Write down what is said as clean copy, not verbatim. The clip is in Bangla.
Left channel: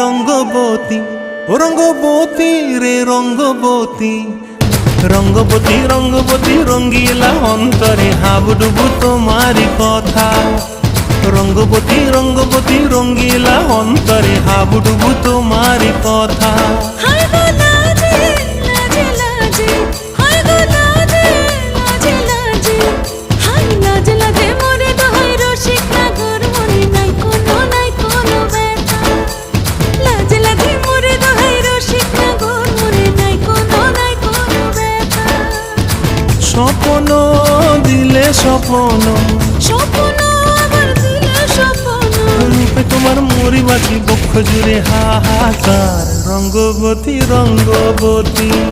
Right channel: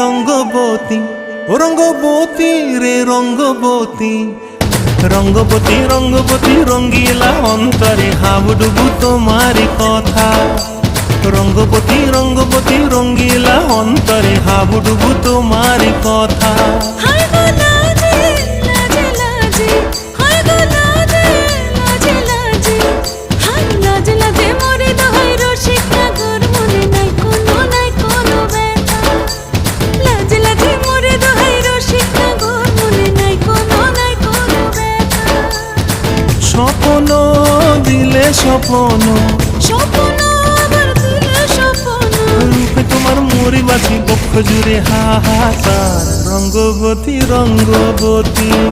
রঙ্গবতী, ও রঙ্গবতী রে রঙ্গবতী, রঙ্গবতী রঙ্গবতী রঙ্গিলা অন্তরে হাবুডুবু তোমারি কথা। রঙ্গবতী রঙ্গবতী রঙ্গিলা অন্তরে হাবুডুবু তোমারি কথা। হায় গো লাজে লাজে লাজে, হায় গো লাজে লাজে লাজে, হায় লাজে লাজে মোরে দোহাই রসিক নাগর মনে নাই কোনো ব্যথা। লাজে লাজে মোরে দোহাই রসিক নাগর মনে নাই কোনো ব্যথা। স্বপ্ন দিলে স্বপ্ন, স্বপ্ন আবার দিলে স্বপ্ন, রূপে তোমার মরি বাছি বক্ষ জুড়ে হাহাকার। রঙ্গবতী রঙ্গবতী।